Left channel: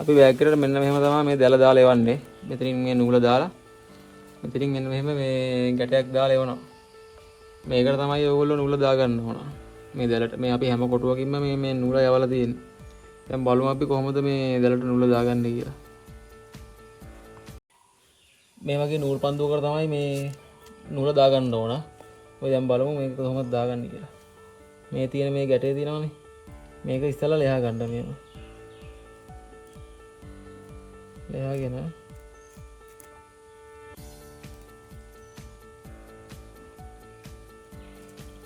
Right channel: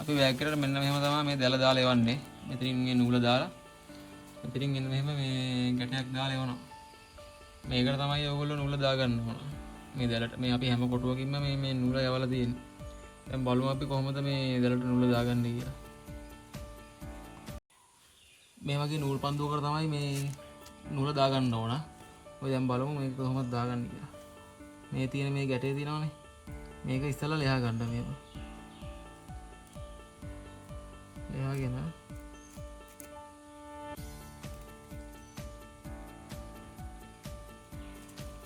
අපි බෑග් එකට මෙන්න මෙහෙම තමයි මේ දැල දාලා එවන්නේ. මෙතනින් මේ නූල දාලා මෙතනින් මෙන්න මෙහෙම මේ ගැටයක් දාලා එවනවා. මේකට තමයි ඔයගොල්ලෝ නූල දාගන්න ඕන. මේ දැලට මේ අපි හැම කොටුවකින්ම මේ නූල යවලා තියෙන්නේ. දැන් බලමු අපි කොහොමද මේ දැලට නූල දාගන්නේ කියලා. මේ වගේ නූල් පන්දුවකට තමයි මේ නූල දාගන්න ඕන. ඔය දැන් බලමු මේක කොහොමද දාගන්නේ කියලා. මේ තියෙන මේ ගැටේ තියෙනවනේ. මේක ඉස්සෙල්ලා ලෙහා ගන්න මේව. ලෙහාගෙන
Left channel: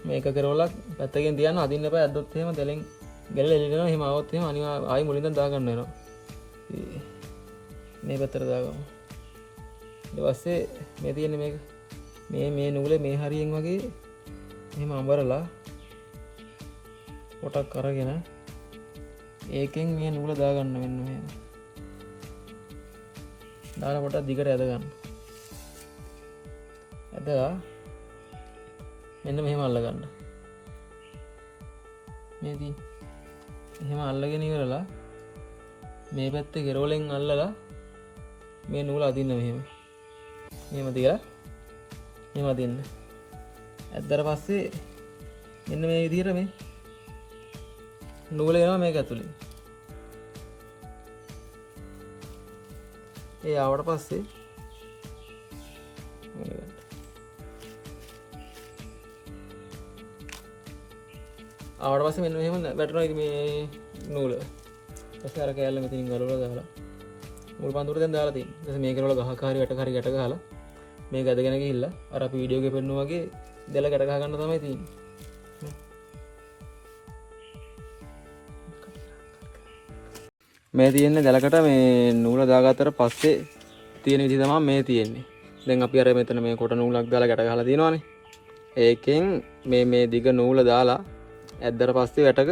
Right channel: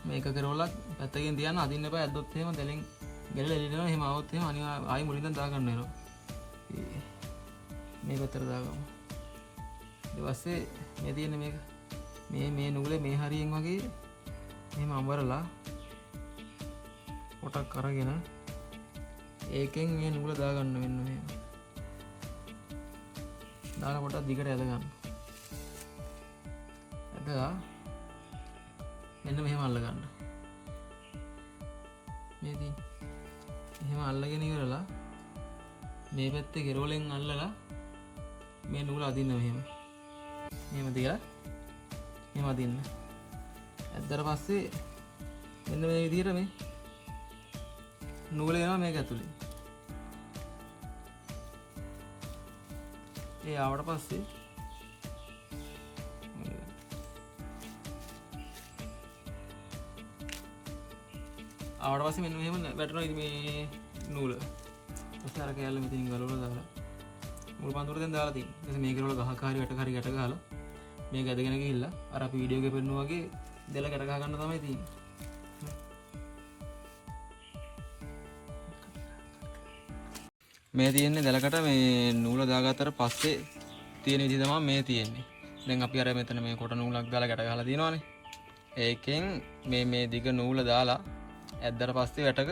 මේක කරවලා පැත්තකින් තියන්න අදින්න එපා. ඇද්දොත් එහෙම දැලෙන් ගැලලා එළිනවා. එහෙම આવොත් එහෙම අනිවා ආයි මුලින්ම දාගන්න වෙනවා. මේ පැත්තට දාගමු. ඊට පස්සේ මේ තියෙන මේක මේ නූලේ මේ හරියෙන් වගේ එහෙම අඹරලා පොටක් අරගෙන ඒකෙන් මේ නූල දාගන්න මෙන්න මෙහෙම. දාලා පොටක් දිගට ඇද ගන්න. ඇදලා මෙන්න මෙහෙම අල්ල ගන්න. මේදී එහෙම අල්ලගෙන ඉවරලා මේ පැත්තේ කෙරෝලෙන් අල්ලලා මේ නූල අදින්න මෙහෙම. මෙහෙම තියලා මෙහෙම අදින්න. ඇද්දට පස්සේ මෙන්න මේ විදිහට මේ නූල එනවා මේක ඇතුලේ. ඒ ආවට පස්සේ ආවට පස්සේ මෙන්න මෙහෙම වැටෙනවා ඉතින් මේ නූල. ඊපස්සේ අර කෑල්ල මෙතනින් ගලවලා දාලා නූල් පන්දුවට දැන් දාලා තියෙනවා. ඊපස්සේ මේක වල ගහක හරි වැටක හරි ගැට ගහලා මේක ඇදගෙන ගිහිල්ලා අර අපි වීඩියෝ එකේ පෙන්නනවා වගේ දෙල ගැට ගහ ගන්න තමයි තියෙන්නේ. මේ තියෙන්නේ දැලකට මේ නූල දාගත්තට පස්සේ තියෙන විදිහ තමයි මේ තියෙන්නේ. දැන් අපි අර මෙතන මේ කොට නූලක් දාලා ගැට ගහලා තියෙනවානේ. ඒකෙන් මේ දිග නූල දාලා ඇද්දට පස්සේ වැටක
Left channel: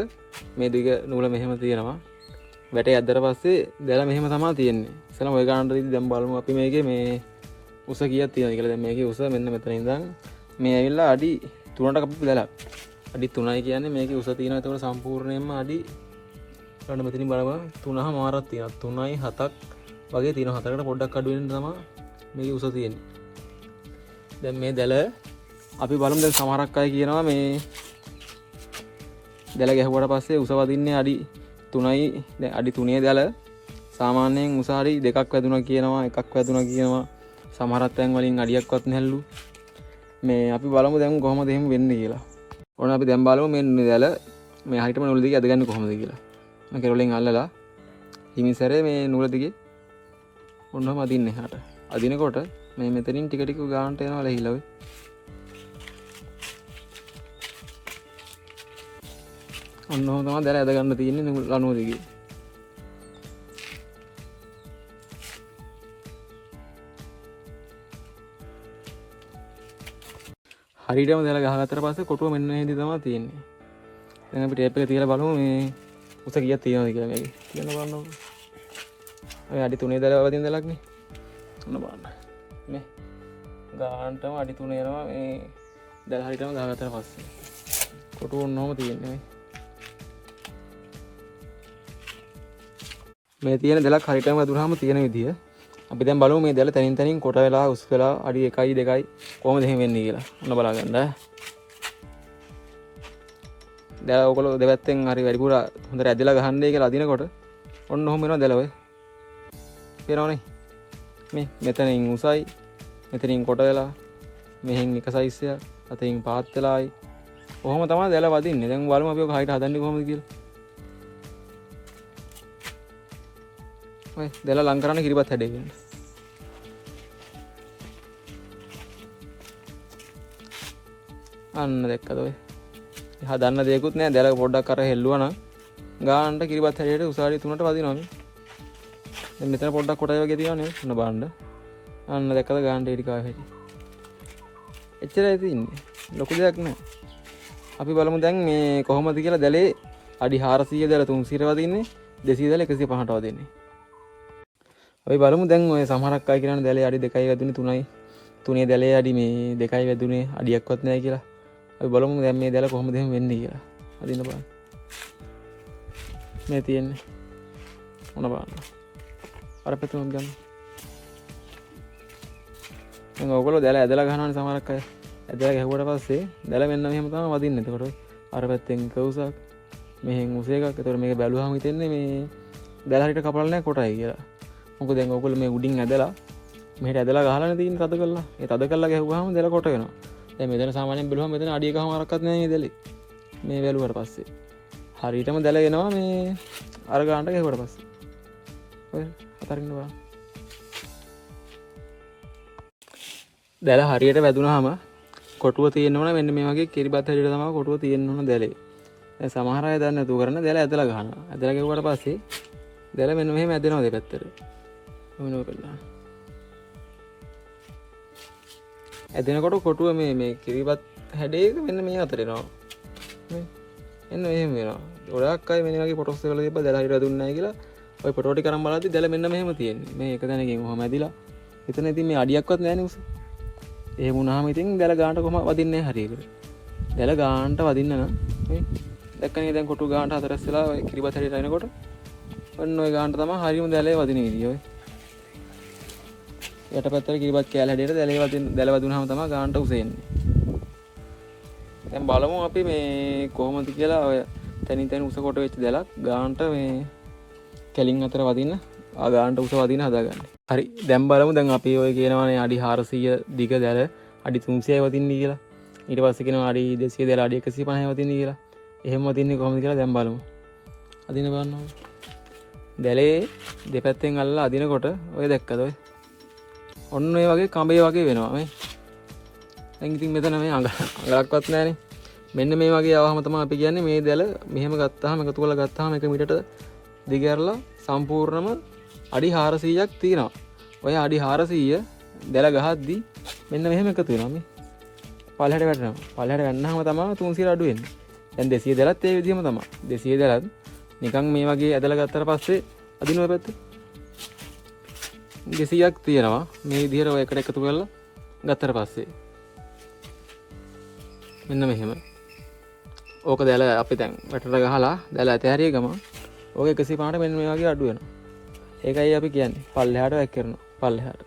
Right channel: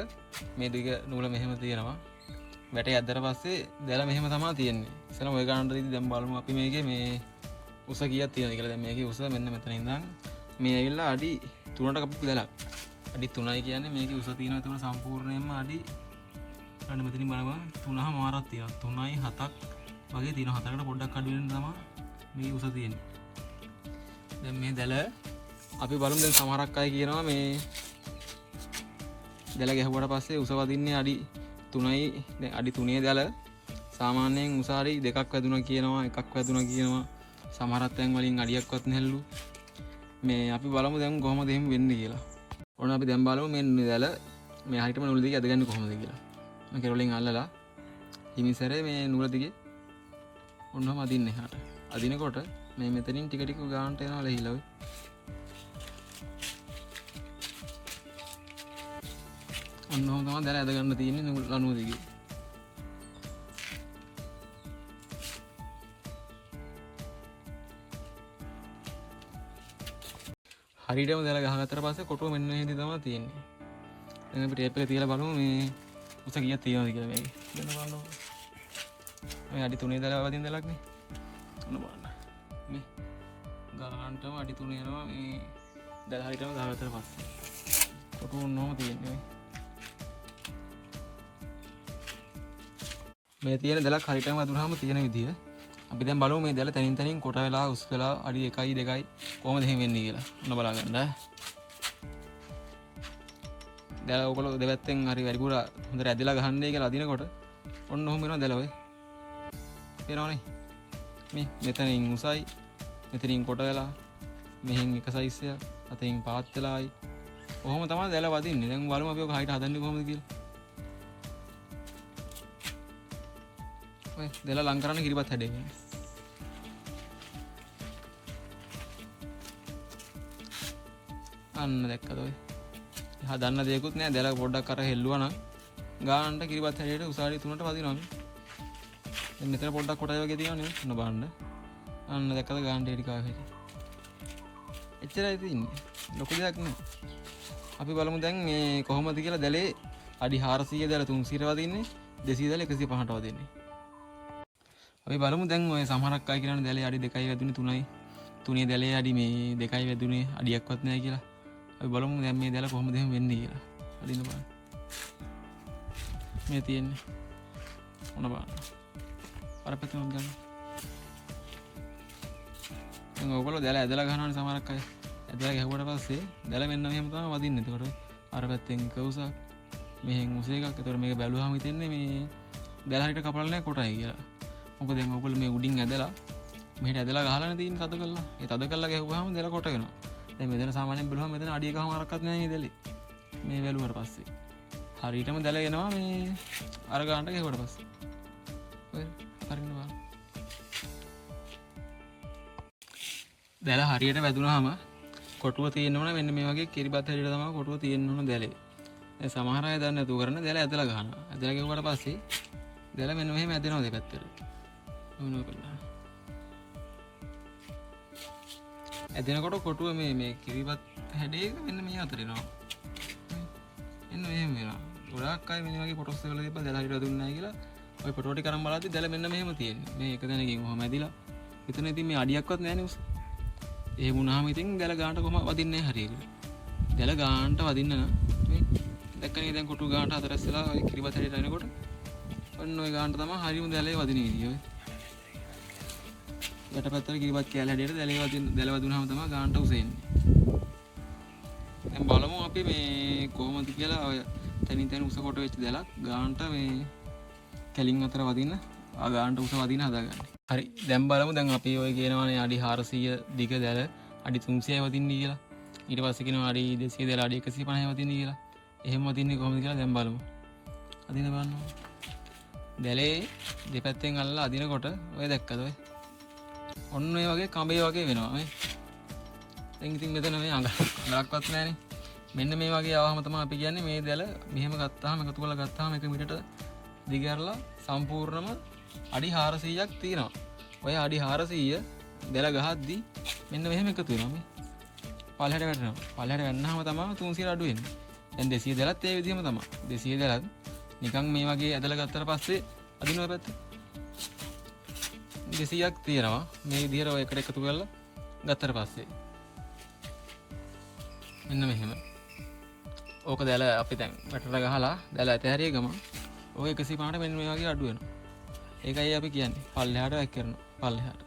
මේ දිග නූල මෙහෙම තියෙනවා. වැටේ ඇද්දට පස්සේ දැල මෙහෙම තමයි තියෙන්නේ. ඉතින් ඔය ගන්නට ඉතින් දැන් බලමු අපි මේකේ මේ උස කීයක් තියෙනවද කියලා. දැන් මේකේ උස මෙන්න මෙතන ඉඳන් මේ ඇවිල්ලා අඩි 3කට කපපු දැලක්. අඩි 3යි කියන්නේ මේකේ උස තියෙනවා. ඒතකොට සම්පූර්ණයෙන්ම අඩි ගන්න මෙතනින් බලමු 3ම මාරක් තියෙනවා. 3යි 7ක් වගේ තියෙනවා. 7කට පොඩ්ඩක් අඩු වෙන තමයි මේකේ උස තියෙන්නේ. දැන් මේ දැල අපි බලමු. දැන් සමහරක් අය කියනවා මේ දැල ගැහුවට පස්සේ උස වදින්නේ අඩි 3යි. දැන් අඩි 3 දැල සාමාන්‍යයෙන් උස හරි 2ක් වැදුනා කියනවා, 1ක් වැදුනා කියනවා. සමහරක් තැන් වලින් අඩියක්වත් නැහැලු. මේ අපි බලමු දැන් කොහොමද එහෙම වෙන්නේ කියලා. ඕන අපි දැන් බලමු මේ දැල මේ හරියටම නූල දිගේ අදගන්නේ කොහොමද කියලා. මම කෙරෝලෙන් අල්ලලා හිමිසරේ මේ නූල දිගේ ඔන්නම අදින්නේ එහාට. අදිනකොට මේ මෙතනින් ටික ටික ගානට යනවා ලෙහිලා වෙයි. ඔන්නම තමයි දැල ඇද ගන්න තියෙන්නේ ලනුව දිගේ. හරියටම දැල ගහගත්තට පස්සේ කොටුව මෙන්න මේ විදිහ තමයි තියෙන්නේ. දැන් අපි ටේප් එක තියලා බලමු මේ උස කීයක් තියෙනවද කියලා මේකේ. කියන්න බලන්න. ඔය අඩි 3 දැල වදින දැලක් නේ. ඔන්න බලන්න. මේ ගානටම අඩි 3 යනවා මේ දැල හරියටම ගහගත්තට පස්සේ. කොටුව ඔන්නම තියෙන්නේ මේ. මේ තියෙන දැලක් හරියටම වැදුනහම තියෙන විදිය අපි දැන් බලමු මේ දැල තනින් තනින් කොට වෙලා උස් වෙලා අඩි 1යි 2යි කොහොමද එහෙම වෙන්නේ කියලා. ඔන්න බලාගන්න. දැල ඔයගොල්ලෝ දෙවැත්තෙන් හරි වැඩිපුර හොඳට ඇදලා ගහන්නේ කියලා අදිනකොට ඔන්න ඔහොම වෙනවා දැල ඔය. පේනවනේ. මේ මෙතනින් උසයි මෙතනින් කොට වෙලා මෙහෙන් එක සයිස් එක අතින් පාත් වෙලායි. කොහොම තමයි දැල වදින්නේ. දැන් බලමු අපි ඔක හයිට හදන්නේ කොහොමද කියලා. ඔය දැල ලං කරන්න කිරිබත් හැඩයකින්. අන්න දැක්කද ඔය. හදන්න දෙයක්වත් නෑ. දැල පොඩ්ඩක් අර හෙල්ලුවා නම් ගානට කිරිබත් හැඩයට උසාවි 3ට වදිනවා මේ. දැන් මෙතන පොඩ්ඩක් කොටයි වගේ තියෙනවනේ. ඔන්න බලන්න. අන්න දැක්කද ගානට ඒටි කාව හැටි. එච්චරයි තියෙන්නේ. ලොකු දෙයක් නෑ. අපි බලමු දැන් මේ කොහොමද කියලා. දැලේ අඩි 400 දැල 300 වදින්නේ. 200 දැල 150ට වදින්නේ. අපි බලමු දැන් ඔය සමහරක් අය කියනවා දැලේ අඩි 2යි වැදුනේ 3යි. 3 දැලේ අඩි මේ 2යි වැදුනේ අඩියක්වත් නැහැ කියලා. අපි බලමු දැන් මේ දැල කොහොමද එහෙම වෙන්නේ කියලා. අදින්න බලන්න. මේ තියෙන්නේ. මොන බලන්න. අර පැත්තම ගන්න. දැන් ඔයගොල්ලෝ දැල ඇදලා ගන්නවනේ සමහරක් අය. ඇදලා ගැහුවට පස්සේ දැල මෙන්න මෙහෙම තමයි වදින්නේ. එතකොට අර පැත්තෙන් එක උසක් මෙහෙන් උස එකක්. එතකොට මේක බැලුවාම හිතෙන්නේ මේ දැල හරියට කපලා නැහැ කොටයි කියලා. මොකද දැන් ඔයගොල්ලෝ මේ උඩින් ඇදලා මෙහෙට ඇදලා ගහලානේ තියෙන්නේ තද කරලා. ඒ තද කරලා ගැහුවාම දැල කොට වෙනවා. දැන් මෙතන සාමාන්‍යයෙන් බැලුවම මෙතන අඩිය ගහම අරක්වත් නැහැ මේ දැලේ. මේ වැළුවට පස්සේ හරියටම දැල එනවා මේ අර ගානට ගැහුවට පස්සේ. ඔය අතරින් බලන්න. දැල හරියට වැදුනහම කොටුව තියෙන්න ඕන මෙන්න මේ වගේ කිරිබත් හැටියට තමයි කොටුව තියෙන්න ඕන දැලේ. දැන් සමහර අය දන්නේ නැතුව කරන දැල ඇදලා ගහනවා. ඇදලා ගැහුවට පස්සේ දැල මෙන්න මෙහෙම ඇදෙනවා දෙපැත්තට. මොනව කරලා. ඇදෙනකොට කොටුව මේ කිරිබත් හැඩයක මෙන්න මේ අතර එනවා. මේ එන්න එහෙම වෙනවා. ගොඩක් අය මෙන්න වගේ ෆොටෝස් වල තිබ්බ දැල හරියට දුන්නේ නැහැ කියලා ඔය ෆොටෝ ටික කරන් බලද්දි දැල මෙන්න මෙහෙම තියෙන්නේ. මේ එක තැනකින් කොහම ඇදිලා. එතන ඉතින් මේ අඩියක්වත් නැහැ නේ උස. එහෙම වුණාම ඉතින් දැල ගානට කොහම වදින්නේ නැහැ හරියට. දැල ගානට වදින්න නම් මේ දැක්කනේ දැන් කොටු ගානට හතරස් වෙලා ඔය කිරිබත් හැටියට එනකොට ඔන්න ඔය ගානට තමයි හරියම දැලේ වදින විදිය ඔය. යටපැත්තට කිරිබත් කෑල්ල හැටියට දැල වදුනහම තමයි ගානට උස එන්නේ. දැන් බලමු අපි මේ කොහොමද කියලා ඔය තනින් තන උස කොට වෙච්ච දැලක් ගානට මේ කැලින් අතර වදින්න ගානට උස වදින්න හදාගන්න. හරි දැන් බලමු දැන් අපි ඔය කියනවානේ අඩි 400 දිග දැල අඩි 300යි වදින්නේ කියලා. ඊට පස්සේ කියනවා අඩි 200 දැල අඩි 150යි වදින්නේ කියලා. එහෙම වදින්නේ කොහොමද කියලා දැන් බලමු. අදින බලන්න. දැලේ දෙපැත්තෙන් අල්ලලා අදිනකොට ඔය දැක්කද ඔය? ඔන්න ඔය වගේ කඹේ වගේ වෙනවා මේ. දැන් ඉතින් මෙතන මේ අඟලක්වත් නැහනේ. මෙන්න මේ වගේ ආවම තමයි අපි කියන්නේ මේ දැල මෙහෙම ගත්තාම එකතු කරලා ගත්තාම 1 මීටරට දිග ඇරලා සම්පූර්ණම අඩි 400ක් තියෙනවා. ඔය අඩි 400 දැල ගහද්දි මෙන්න මෙහෙම එකතු වෙනවා මේ. පල්ලහැට වැටෙනවා. පල්ලහැට වැන්නහම තමයි 300 අඩු වෙන්නේ. දැන් 200 දැලත් ඒ විදිහම තමයි. 200 දැලත් නිකන් මේ වගේ ඇදලා ගත්තාට පස්සේ අදින ඔය පැත්තේ 200ක් තියෙනවා. මේ විදිහට ඔය එකට එකතු කරලා ගත්තාට පස්සේ මෙන්න මෙහෙම. ඕක දැල අපි දැන් වැටට ගහලා දැල ඇතහැරිය ගම ඕක 150ට මෙන්න මේ වගේ අඩු වෙනවා. ඒකයි අපි කියන්නේ පල්ලෙහාට වැක් කරනවා. පල්ලෙහාට